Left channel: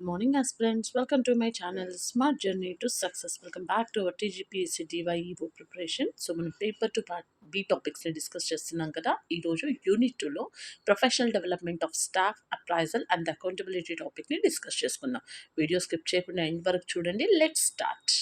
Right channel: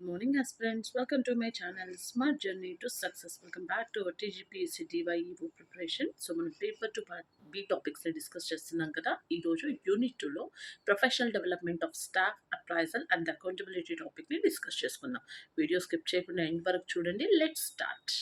Good morning, aspirants. Welcome to my channel, Smart Journey to Success. Welcome back to our TGPSC DyEO preparation. So, మనం paper two part B టాపిక్స్ని discuss చేస్తున్నాం కదా. ఈరోజు unit 2లో professional development of staff appraisal and accountability టాపిక్ని discuss చేసుకుందాం. Video skip చేయకుండా end వరకు చూడండి. Let's start.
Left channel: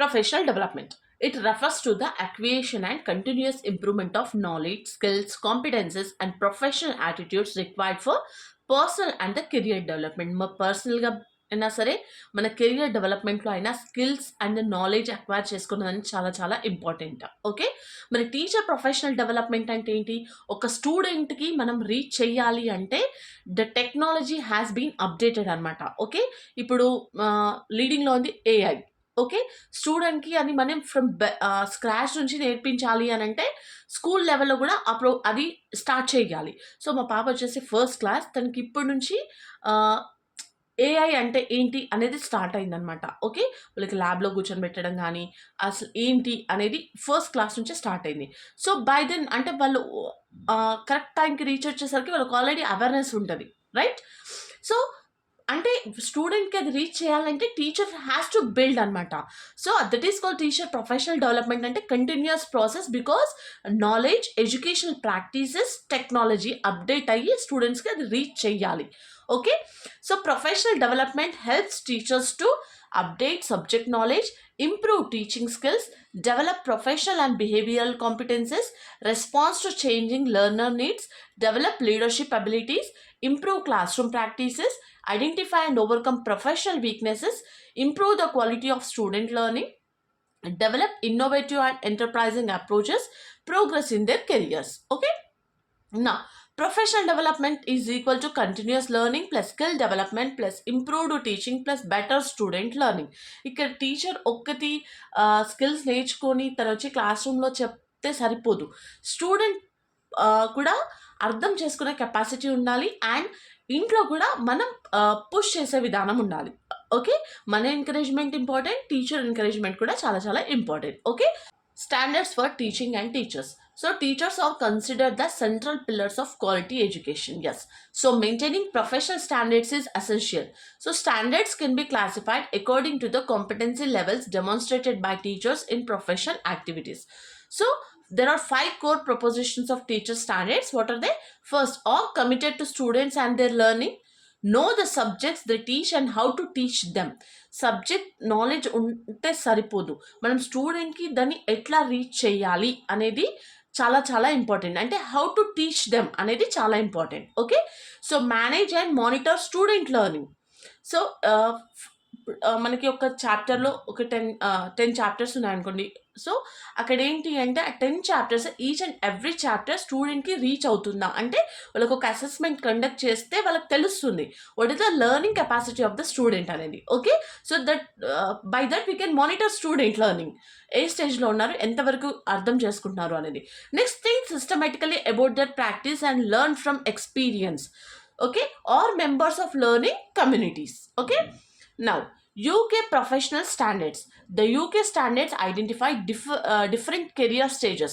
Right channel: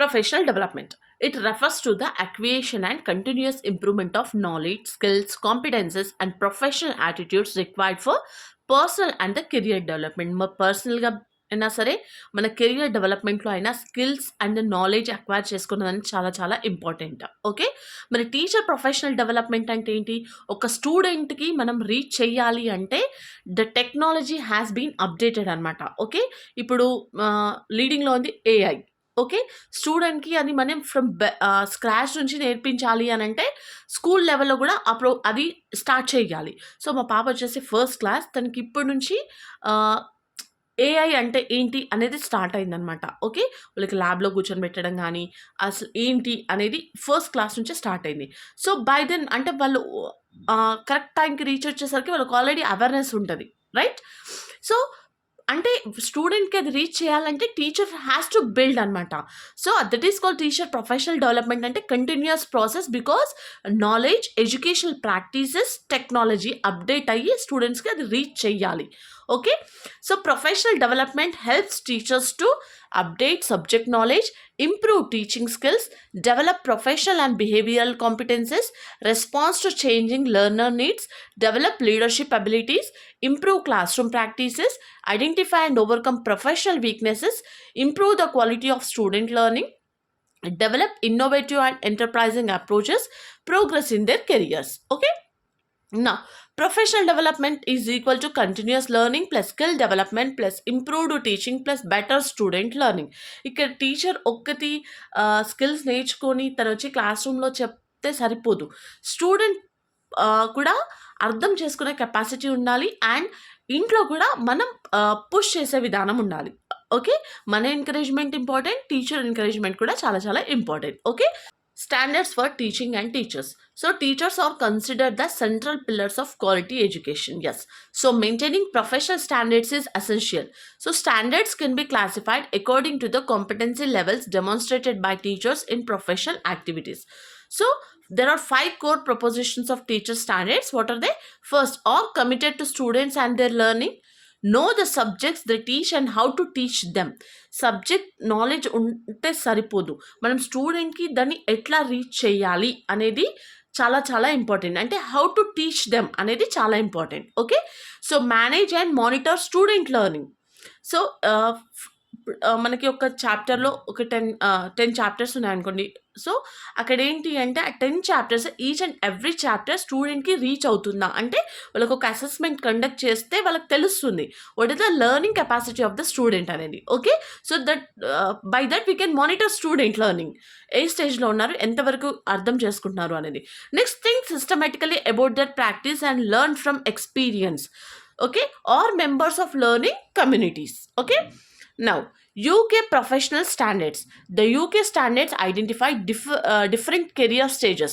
Professional development. It refers to the acquisition and continuous improvement of knowledge, skills, competences, and professional attitudes required for personal and the career development. మా పర్సనల్గా అయినా సరే మన కెరియర్ డెవలప్మెంట్లో అయినా స్కిల్స్ అండ్ నాలెడ్జ్ అక్వైర్ చేసుకున్నదని చాలా చాలా ఇంపార్టెంట్. ఓకే, మరి టీచర్ ప్రొఫెషనల్ డెవలప్మెంట్ అంటే ఏంటి? ఒక స్టూడెంట్కి మనం రీచ్ చేయాలి అంటే the technology has been updated అనమాట. ఓకే, ఇప్పుడు లీడింగ్లో ఉంది ఏఐ. ఓకే, స్టూడెంట్‌కి అని మనం స్క్రాచ్ నుంచి నేర్పించాలి అనంటే స్కూల్ లెవెల్‌లో గూడా అది స్టార్ట్ చేయాలి. సో, మా పాప వచ్చేసి ఫస్ట్ క్లాస్. తనకి ఇప్పటి నుంచి ఆహ్, ఏఐ అంటే ఏంటి అనేది స్టార్ట్ అయిందనమాట. ఓకే, వాళ్ళకి ల్యాబ్‌లో కూర్చొనిబెట్టడం గానీ, అసలు ఏంటి అనేది ఫస్ట్ క్లాస్ నుంచే స్టార్ట్ అయింది. సో, బై దెన్ అంటే వాళ్ళు కరెక్ట్ టైంకి రీచ్ వచ్చేసరికి వాళ్ళకి ఆల్రెడీ అవేర్‌నెస్ ఉంటది. రైట్? సో, అంటే స్టూడెంట్‌కి అది రీచ్ చేయాలంటే టీచర్ హ్యాస్ టు బిల్డ్ అనమాట. So, that is called teacher professional development అంటే continuous process. Because knowledge, educational practices, technology update అయ్యి స్టూడెంట్స్‌కి అది రీచ్ చేయాలి. Okay, so professional development helps teachers to update subject knowledge, improve teaching skills, develop professional and behavioral competences, response to changing learner needs, develop leadership abilities, improve classroom practices, identify and overcome professional weaknesses, improve the quality of student learning, develop innovative and enterprising approaches, progress in their careers. Okay, now professional development is equal to continuous learning plus skill development plus improved teaching plus better student learning. ఇక్కడ teacher ఒక్కటి skills నేర్చుకొని తను వచ్చి class రూమ్లో చెప్తే సరిపోదు. Student కూడా అర్థం చేసుకునే కెపాసిటీ ఉండాలి. అండ్ ఇంట్లో కూడా మనం పుష్ చేసే విధానం ఉండాలి. ఓకే, మన ఎంకరేజ్మెంట్ ఇంపార్టెంట్, టీచర్ ఎంకరేజ్మెంట్ కూడా చాలా చాలా important. Okay, standards for teaching and teachers. So, teachers are considered the central pillars of quality education. Yes. So, maintaining professional standards is essential. So, standards can be classified according to the competency levels demonstrated by teachers in professional activities. So, there are 5 core propositions of teacher standards. What are they? First, are committed to students and their learning. Know the subjects they teach and how to teach them. Subject knowledge ఉంటే సరిపోదు, మనం స్టూడెంట్‌కి దాన్ని ఎట్లా reach చేయాలి అనేది చాలా చాలా ఇంపార్టెంట్. అంటే హౌ టు టీచ్ దెమ్ అనేది చాలా important. Okay, so manage and monitor student learning. So, మనకి ఒక చాప్టర్‌లో ఒక 10 చాప్టర్స్ ఉన్నాయనుకోండి. సో, అక్కడ ఏంటి అంటే ఆ 10 chapters each and every chapter స్టూడెంట్‌కి రీచ్ అవుతుందా? అంటే వాళ్ళకి ఒక అసెస్మెంట్ కండక్ట్ చేస్తే వాళ్ళకి తెలుస్తుంది. What is the learning capacity of the student అనేది. Okay, so by that we can monitor student learning. ఏ స్టేజ్‌లో ఉన్నారు, ఎంతవరకు అర్థం చేసుకుంటున్నారు అనేది. Next thing systematically about that practice and learn from experience. Okay, are members of learning communities. Okay, now UK professional standards. The UK standards identify different career stages.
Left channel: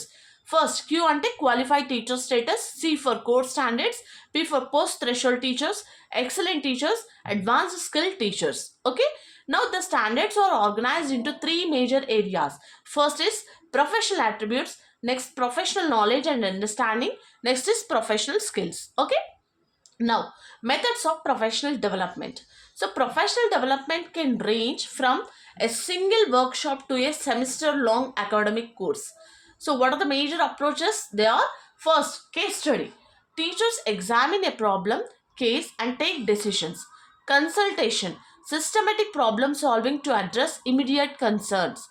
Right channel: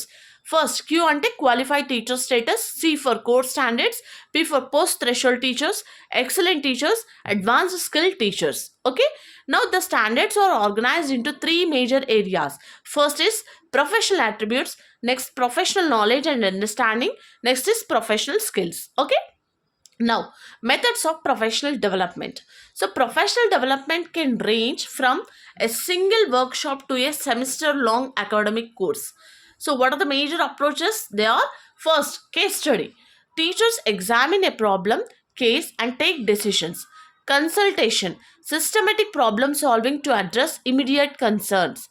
First, Q ante qualified teacher status, C for core standards, P for post threshold teachers, excellent teachers, advanced skilled teachers. Okay, now the standards are organized into 3 major areas. First is professional attributes, next professional knowledge and understanding, next is professional skills. Okay, now methods of professional development. So, professional development can range from a single workshop to a semester long academic course. So, what are the major approaches? They are: first, case study. Teachers examine a problem, case, and take decisions. Consultation, systematic problem solving to address immediate concerns.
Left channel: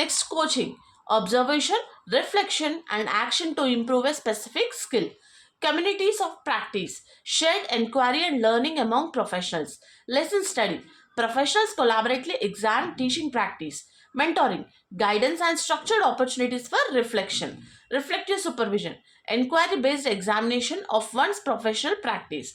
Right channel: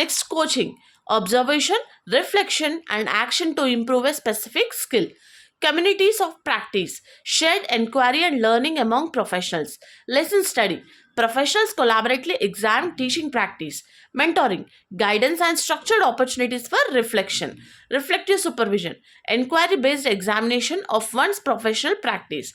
Next, coaching, observation, reflection, and action to improve a specific skill. Communities of practice, shared inquiry and learning among professionals. Lesson study, professionals collaboratively examine teaching practice. Mentoring, guidance and structured opportunities for reflection. Reflective supervision, inquiry based examination of one's professional practice.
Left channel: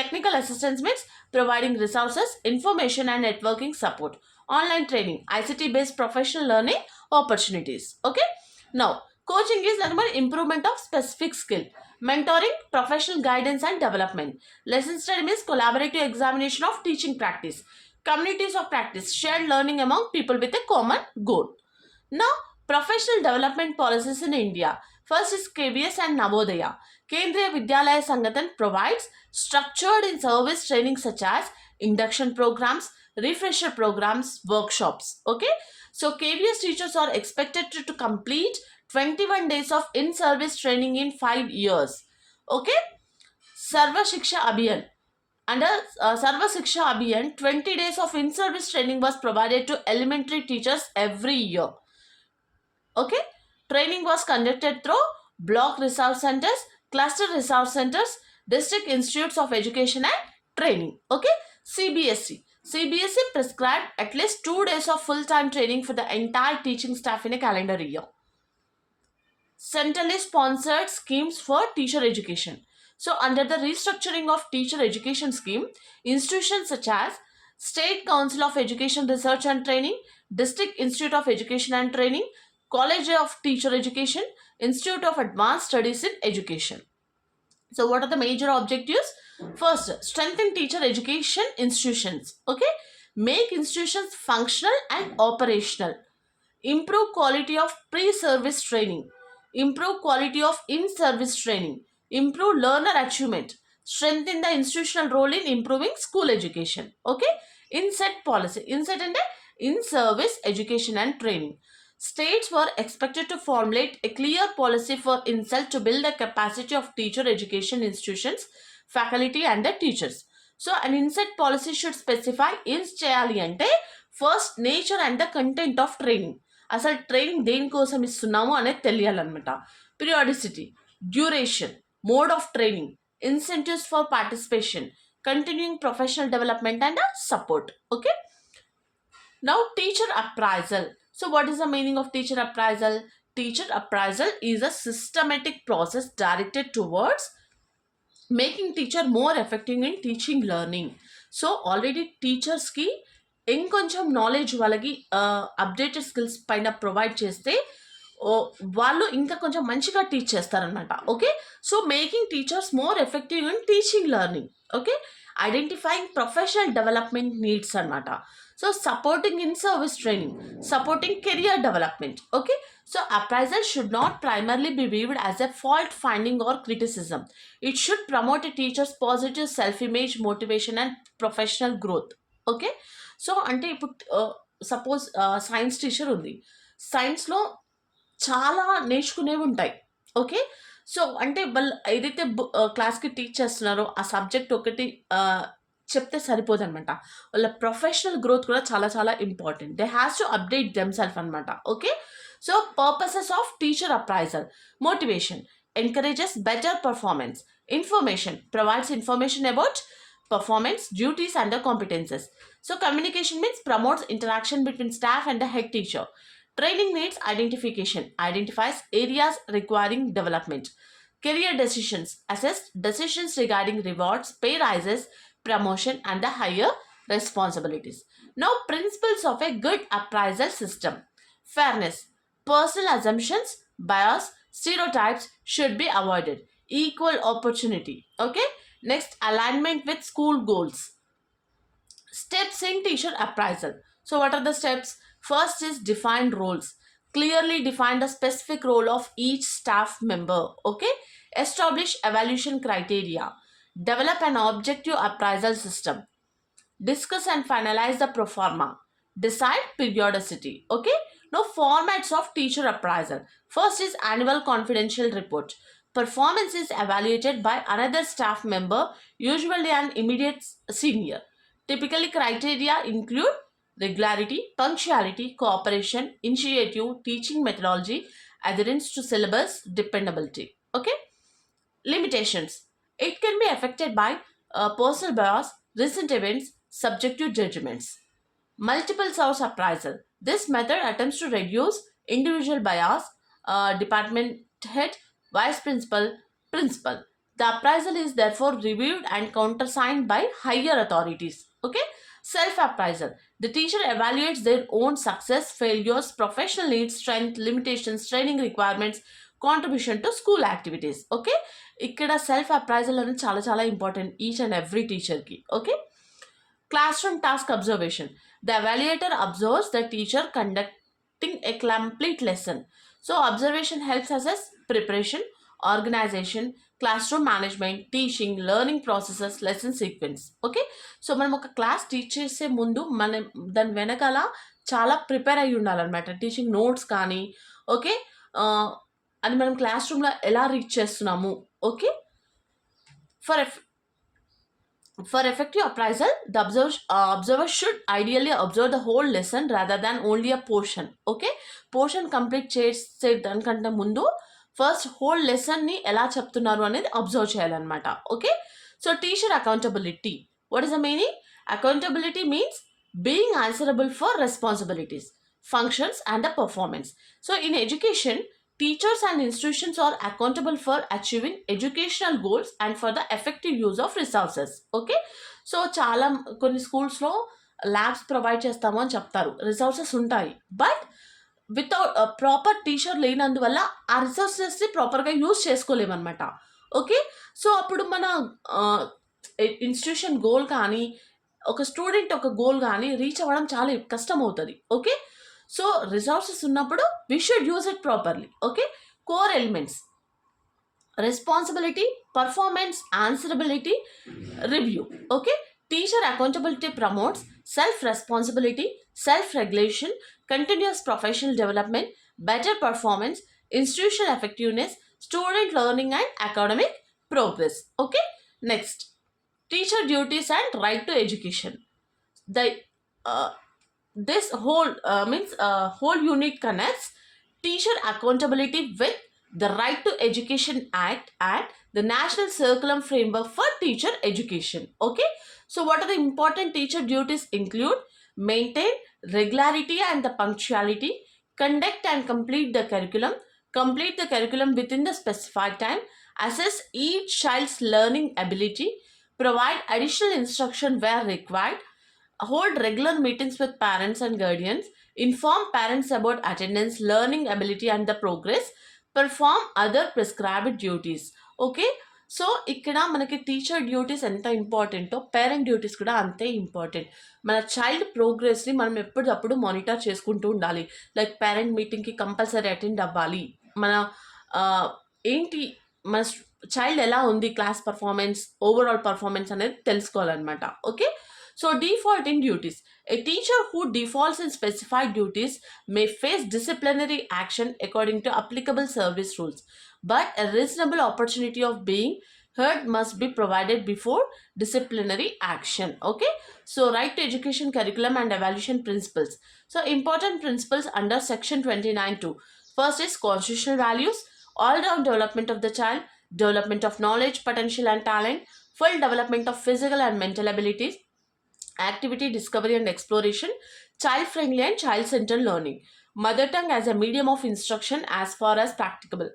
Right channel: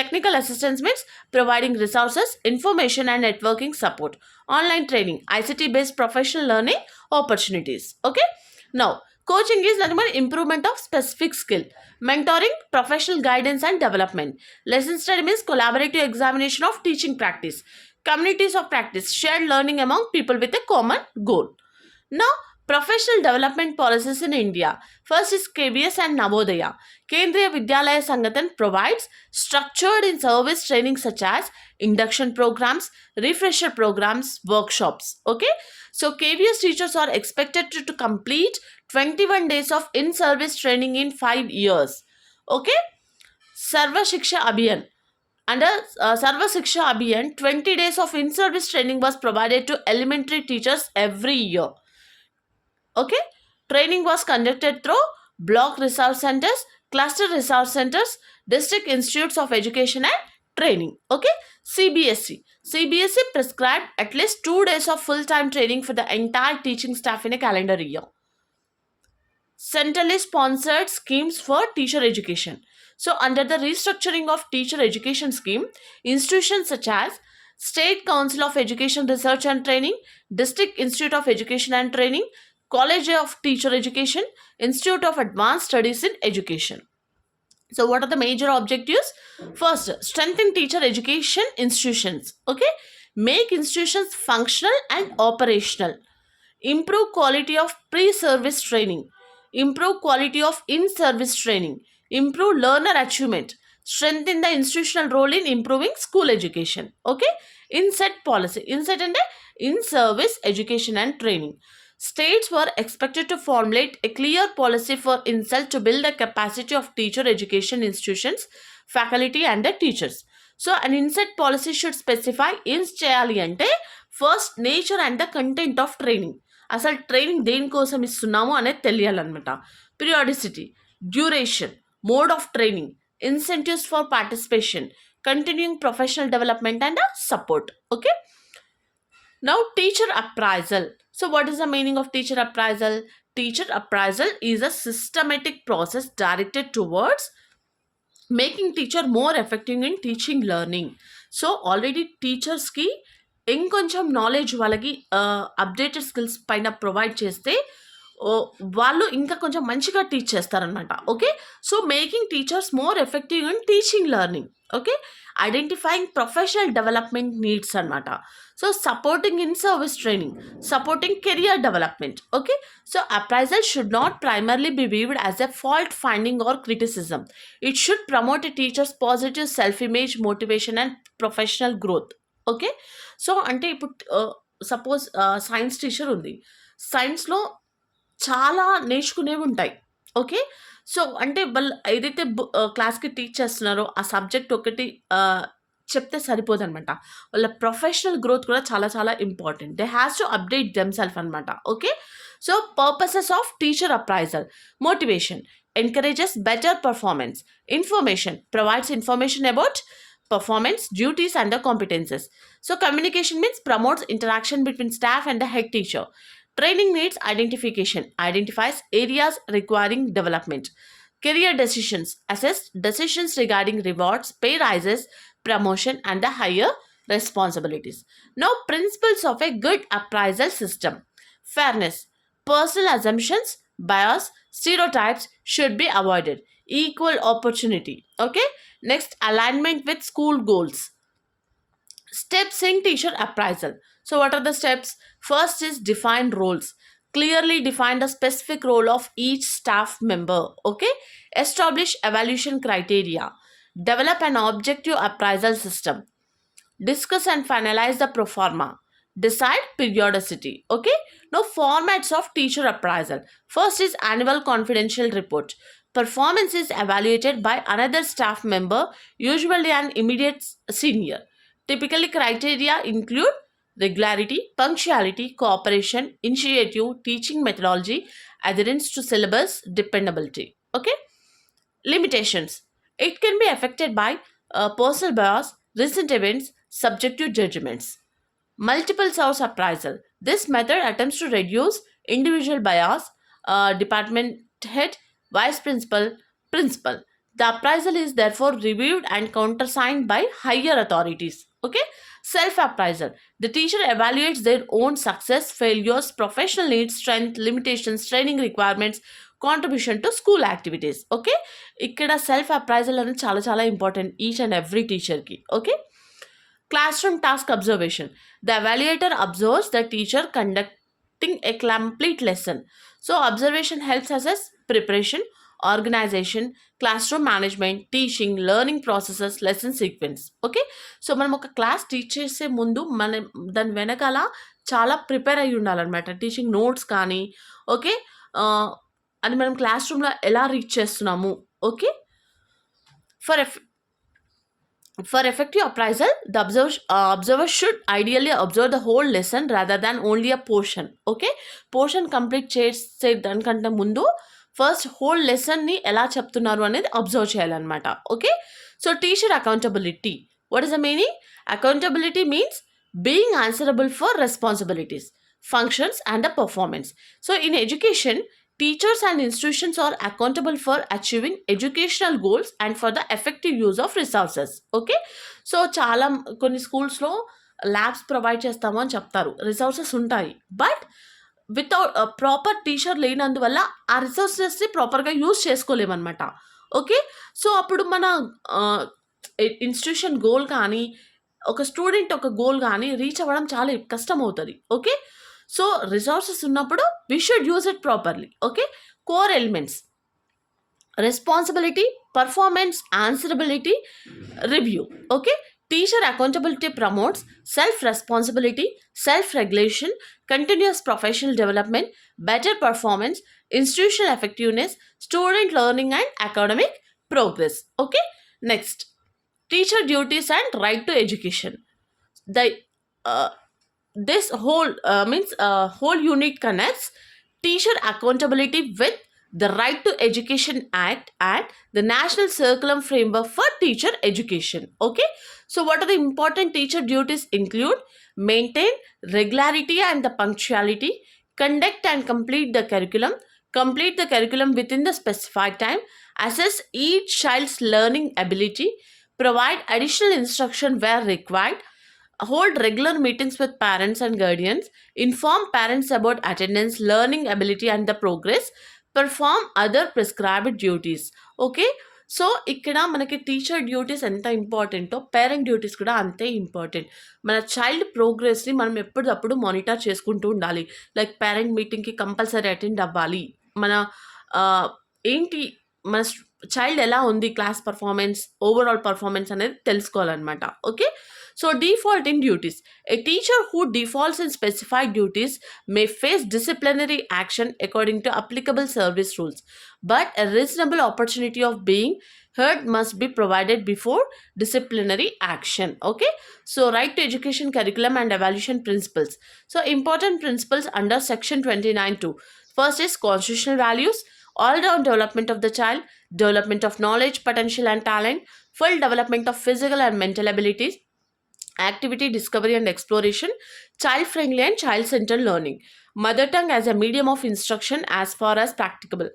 Technical assistance means providing resources, information and networking support. Online training, ICT based professional learning opportunities. Okay, now coaching is nothing but improvement of specific skill. Mentoring, professional guidance and development. Lesson study means collaborative examination of teaching practice. Communities of practice, shared learning among people with a common goal. Now, professional development policies in India. First is KBS and Navodaya. Kendriya Vidyalaya Sangathan provides structured in service training such as induction programs, refresher programs, workshops. Okay, so KBS teachers are expected to complete 21 days of in service training in 5 years. Okay, Sarva Shiksha Abhiyan. Under Sarva Shiksha Abhiyan, 20 days of in service training was provided to elementary teachers every year. Okay, training was conducted through block resource centers, cluster resource centers, district institutes of education and training. Okay, CBSE prescribed at least 2 days of full-time training for the entire teaching staff in a calendar year. Centrally sponsored schemes for teacher education. So, under the restructuring of teacher education scheme, institutions such as State Council of Education Research and Training, District Institute of Education and Training, College of Teacher Education, Institute of Advanced Studies in Education. So, what are the major objectives? First, strengthen teacher education institutions. Okay, make institutions functional and operational. Improve quality of pre-service training, improve quality of in-service training, improve learner achievement, strengthen the institutional role in improving school education. Okay, inset policy, inset and in-service education and training. States were expected to formulate a clear policy for INSET to build the capacity of teacher education institutions, faculty and the teachers. So an INSET policy should specify ఏం చేయాలి అంటే first nature and the content of training, అసలు training దేనికోసం ఇస్తున్నాము అనేది తెలియాలన్నమాట. Periodicity, duration, mode of training, incentives for participation, continuing professional development and support. Okay, now teacher appraisal. So what is the meaning of teacher appraisal? Teacher appraisal is a systematic process directed towards making teacher more effective in teaching learning. So already టీచర్స్కి ఇంకొంచెం knowledge వాళ్ళకి updated skills పైన provide చేస్తే వాళ్ళు ఇంకా కొంచెం మంచిగా teach చేస్తారనమాట. Okay, so making teachers more effective in teaching learning. Okay, identifying professional development needs అనమాట. So supporting in service training, supporting career development. Okay, so appraisal should not primarily be viewed as a fault finding or criticism. It should promote a teacher's positive self-image, motivation and professional growth. Okay, so అంటే ఇప్పుడు suppose science teacher ఉంది, సైన్స్లో చాలా నేర్చుకునేవి ఉంటాయి. Okay, so అంటే వాళ్ళు ఏదైతే క్లాస్కి టీచ్ చేస్తున్నారో ఆ సబ్జెక్ట్ ఒకటి చెప్తే సరిపోదనమాట. వాళ్ళ ప్రొఫెషనల్ గ్రోత్ కూడా చాలా చాలా important. They has to update themselves అనమాట. Okay, so purposes of teacher appraisal. Motivation, encourages better performance. Information, provides information about performance, duties and the competences. So communication means promotes interaction between staff and the head teacher. Training needs identification, identifies areas requiring development. Career decisions, assess decisions regarding rewards, pay rises, promotion and the higher responsibilities. Now principles of a good appraisal system. Fairness, personal assumptions, bias, stereotypes should be avoided. Equal opportunity. Okay, next, alignment with school goals. Steps in teacher appraisal. So what are the steps? First is define roles. Clearly define the specific role of each staff member. Okay, establish evaluation criteria. Develop an objective appraisal system. Discuss and finalize the pro forma. Decide periodicity. Okay, now formats of teacher appraisal. First is annual confidential report. Performance is evaluated by another staff member, usually an immediate senior. Typically criteria include regularity, punctuality, cooperation, initiative, teaching methodology, adherence to syllabus, dependability. Okay, limitations. It can be affected by personal bias, recent events, subjective judgments. Multiple source appraisal. This method attempts to reduce individual bias, department head, vice principal, principal. The appraisal is therefore reviewed and countersigned by higher authorities. Okay? Self appraisal. The teacher evaluates their own success, failures, professional needs, strength, limitations, training requirements, contribution to school activities. Okay, ఇక్కడ self appraisal అనేది చాలా చాలా important each and every టీచర్కి. Okay, classroom task observation. The evaluator observes the teacher conducting a complete lesson. So, observation helps assess preparation, organization, classroom management, teaching, learning processes, lesson sequence. Okay, so మనం ఒక class teach చేసే ముందు మనం దాని వెనకాల చాలా prepare అయ్యి ఉండాలన్నమాట. టీచింగ్ నోట్స్ కానీ ఓకే, అది మనం క్లాస్ రూమ్లో ఎలా రీచ్ చేస్తున్నాము. Okay, for For effective appraisal, the observer should ideally observe the whole lesson rather than only a portion. Okay, portion complete చేసే దానికంటే ముందు ఫస్ట్ హోల్ లెసన్ని ఎలా చెప్తున్నారు అనేది అబ్జర్వ్ చేయాలన్నమాట. Okay, so teacher accountability. What is the meaning? Accountability means being answerable for responsibilities, functions, and the performance. So, in education, teachers and institutions are accountable for achieving educational goals and for the effective use of resources. Okay, so చాలా కొన్ని స్కూల్స్లో labs provide చేస్తాము అని చెప్తారు, resources ఉంటాయి, but without proper teacher లేనందువల్ల ఆ రిసోర్సెస్ని ప్రాపర్గా యూజ్ చేసుకోలేమన్నమాట. ఓకే, సో అప్పుడు మన ఇన్స్టిట్యూషన్ గోల్ కానీ ఒక స్టూడెంట్ ఒక గోల్ కానీ రీచ్ అవ్వడం చాలా కష్టం అవుతుంది. ఓకే, సో రిసోర్సెస్ ఉన్నప్పుడు we should use it properly. Okay, core elements: responsibility, performance, answerability, review. Okay, teacher accountability promotes self-responsibility, self-regulation, continuous professional development, better performance, institutional effectiveness, student learning, and academic progress. Okay, next, teacher duties and right to education. The this whole whole unit connects teacher accountability with the Right to Education Act and the National Curriculum Framework for Teacher Education. Okay, so what are the important teacher duties include: maintain regularity and the punctuality, conduct and complete the curriculum within the specified time, assess each child's learning ability, provide additional instruction where required, hold regular meetings with parents and guardians, inform parents about attendance, learning ability, and the progress, perform other prescribed duties. Okay, so ఇక్కడ మనకి teacher duties ఎంత ఇంపార్టెంటో parent duties కూడా అంతే important. మన child ప్రోగ్రెస్ని మనం ఎప్పటికప్పుడు monitor చేసుకుంటూ ఉండాలి. లైక్ పేరెంట్ మీటింగ్కి కంపల్సరీ అటెండ్ అవ్వాలి. మన ఏంటి మన చైల్డ్ ఎలా ఉంది, క్లాస్ పర్ఫార్మెన్స్, ఓవరాల్ పర్ఫార్మెన్స్ అనేది తెలుసుకోవాలన్నమాట. Okay, so default in duties. A teacher who defaults in specified duties may face disciplinary action according to applicable service rules, but a reasonable opportunity of being heard must be provided before disciplinary action. Okay, so right to education curriculum and evaluation principles. So important principles under section 29(2). First is constitutional values, all-round development of the child, development of knowledge, potential and talent, full development of physical and mental abilities, activity, discovery and exploration, child-friendly and child-centered learning, mother tongue as a medium of instruction as far as practicable,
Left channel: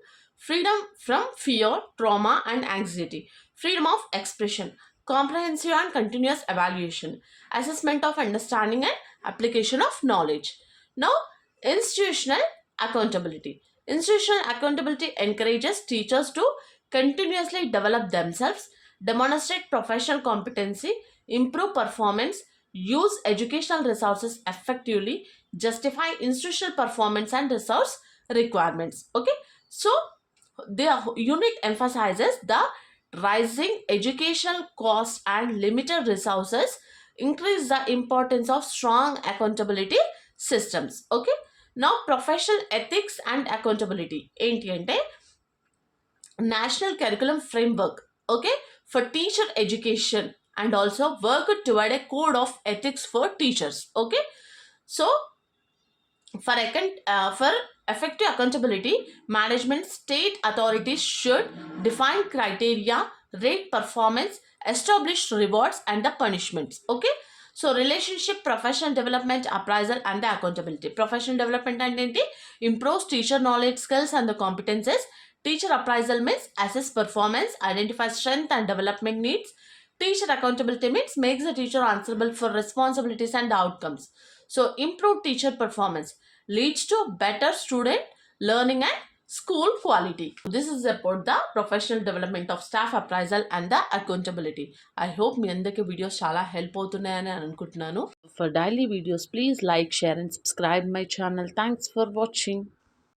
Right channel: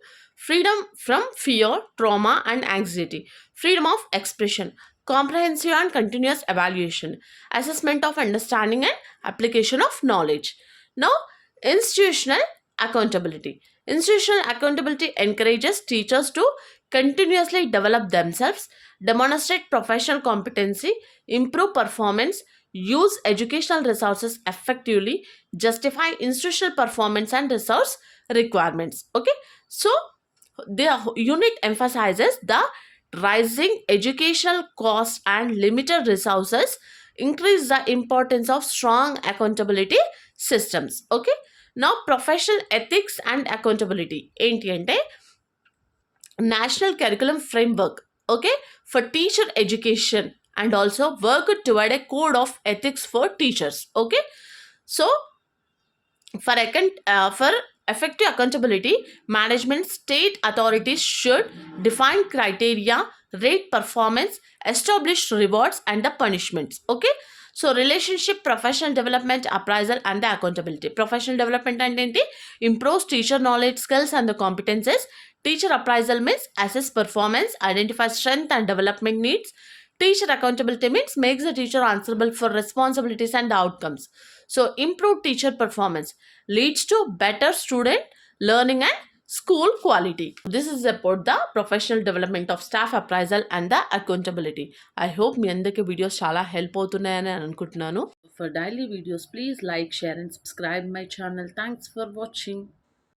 freedom from fear, trauma and anxiety, freedom of expression, comprehensive and continuous evaluation, assessment of understanding and application of knowledge. Now, institutional accountability. Institutional accountability encourages teachers to continuously develop themselves, demonstrate professional competency, improve performance, use educational resources effectively, justify institutional performance and resource requirements. Okay, so the unit emphasizes the rising educational cost and limited resources increase the importance of strong accountability systems. Okay, now professional ethics and accountability ఏంటి అంటే national curriculum framework, okay, for teacher education and also work toward a code of ethics for teachers. Okay, so for effective accountability management, state authorities should define criteria, rate performance, establish rewards and the punishments. Okay, so relationship, professional development, appraisal and the accountability. Professional development and enti improves teacher knowledge, skills and the competences. Teacher appraisal means assess performance, identify strength and development needs. Teacher accountability means makes the teacher answerable for responsibilities and outcomes. So improved teacher performance leads to better student learning and School quality. This is about the professional development of staff appraisal and the accountability. I hope మీ అందరికీ videos చాలా help అవుతున్నాయని అనుకుంటున్నాను. For daily videos, please like, share and subscribe my channel. Thanks for watching.